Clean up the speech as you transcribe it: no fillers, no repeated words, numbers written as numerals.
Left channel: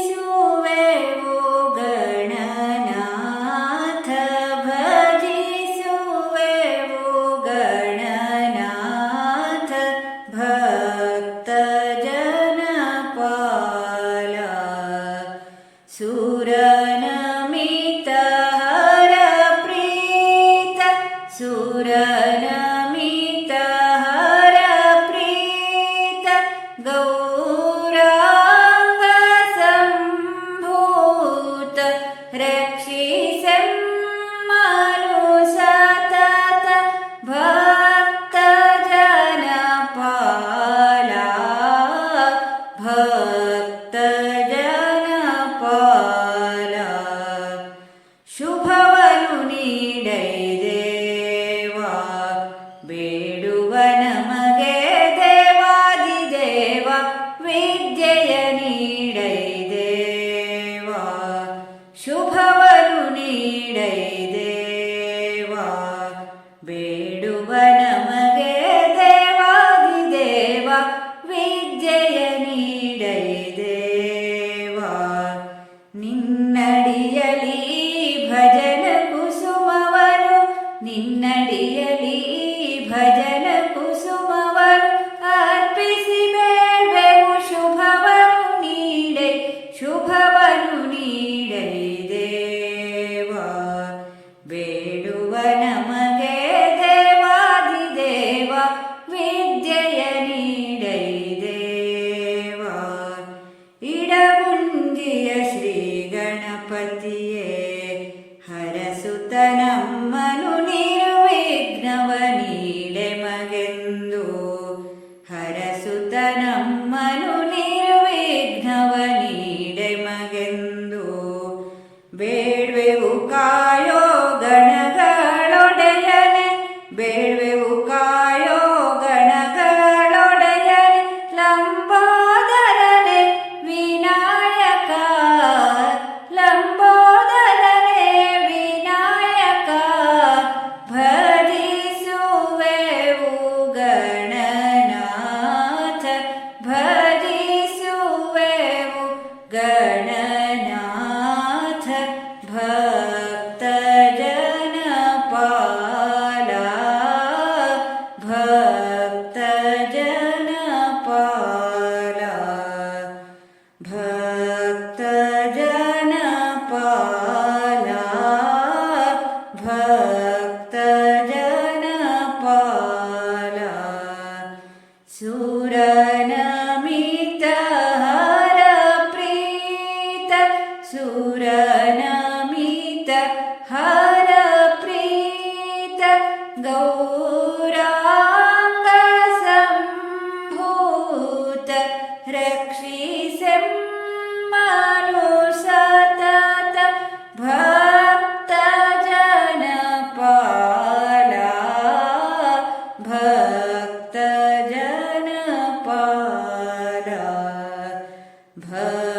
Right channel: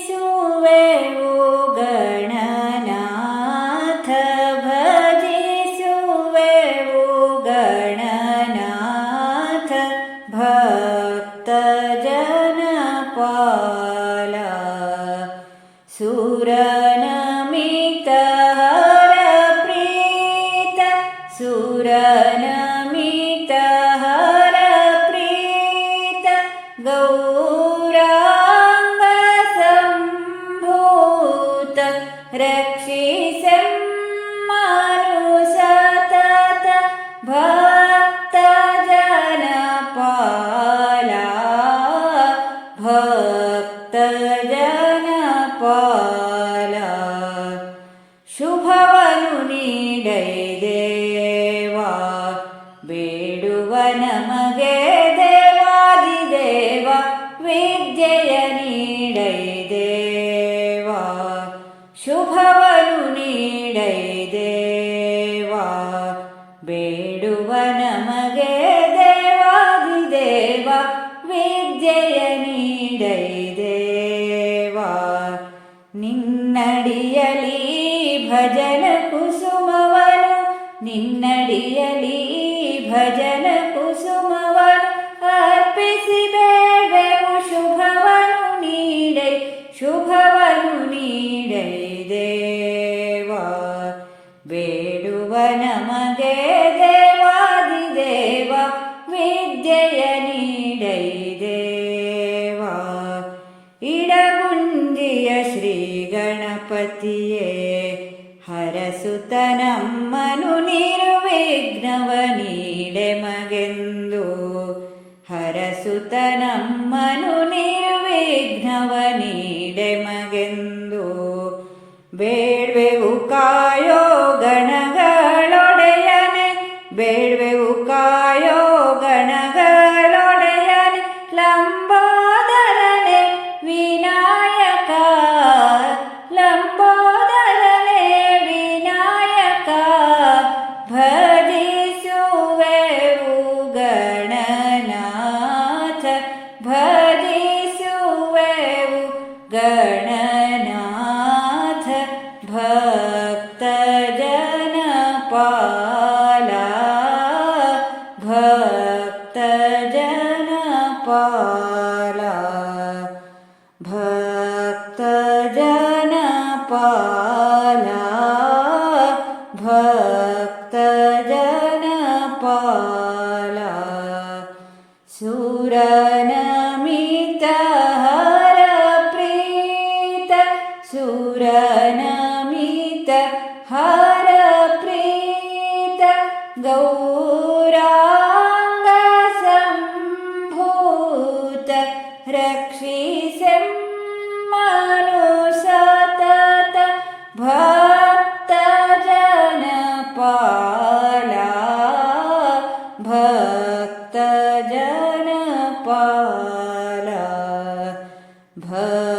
ಭಜಿಸುವೆವು ಗಣನಾಥ ಭಜಿಸುವೆವು ಗಣನಾಥ ಭಕ್ತ ಜನಪಾಲ ಸುರನಮಿತ ಹರ ಪ್ರೀತ ಸುರನಮಿತ ಹರ ಪ್ರೀತ ಗೌರಾಂಗ ಸಂಭೂತ ರಕ್ಷಿಸೆಮ್ಮನು ಸತತ ಭಕ್ತ ಜನಪಾಲ ಭಕ್ತ ಜನಪಾಲ ಶುಭವನು ನೀಡೈ ದೇವಾ ಬೇಡುವ ನಮಗೆ ದೇವಾದಿದೇವ ವಿದ್ಯೆಯ ನೀಡೈ ದೇವಾ ಶುಭವನು ನೀಡೈ ದೇವಾ ಬೇಡುವ ನಮಗೆ ದೇವಾದಿದೇವ ವಿದ್ಯೆಯ ನೀಡೈ ದೇವಾ ನಿನ್ನಡಿಯಲಿ ಭಜನ ಕುಸುಮವನು ನಿನ್ನಡಿಯಲಿ ಭಜನ ಕುಸುಮವನು ಅರ್ಪಿಸಿ ಬೇಡ್ವೆವು ಶುಭವನು ನೀಡೈ ಶುಭವನು ನೀಡೈ ದೇವಾ ಬೇಡುವ ನಮಗೆ ದೇವಾದಿದೇವ ವಿದ್ಯೆಯ ನೀಡೈ ದೇವಾ ಇಡಗುಂಜಿಯ ಶ್ರೀ ಗಣಪತಿಯೇ ಹರಸುತ ನಮ್ಮನು ನಿರ್ವಿಘ್ನವ ನೀಡೆ ಮಗೆಂದು ಹರಸುತ ನಮ್ಮನು ನಿರ್ವಿಘ್ನವ ನೀಡೆ ಮಗೆಂದು ಬೇಡ್ವೆವು ಕಾಯೋ ಗಣಗಳೊಡೆಯನೆ ಬೇಡ್ವೆವು ಕಾಯೋ ಗಣಗಳೊಡೆಯನೆ ಲಂಬೋದರನೆ ವಿನಾಯಕ ಲಂಬೋದರನೆ ವಿನಾಯಕ ಭಜಿಸುವೆವು ಗಣನಾಥ ಭಜಿಸುವೆವು ಗಣನಾಥ ಭಕ್ತ ಜನಪಾಲ ಭಕ್ತ ಜನಪಾಲ ಭಕ್ತ ಜನಪಾಲ ಭಕ್ತ ಜನಪಾಲ ಸುರನಮಿತ ಹರ ಪ್ರೀತ ಸುರನಮಿತ ಹರ ಪ್ರೀತ ಗೌರಾಂಗ ಸಂಭೂತ ರಕ್ಷಿಸೆಮ್ಮನು ಸತತ ಭಕ್ತ ಜನಪಾಲ ಭಕ್ತ ಜನಪಾಲ ಭಕ್ತ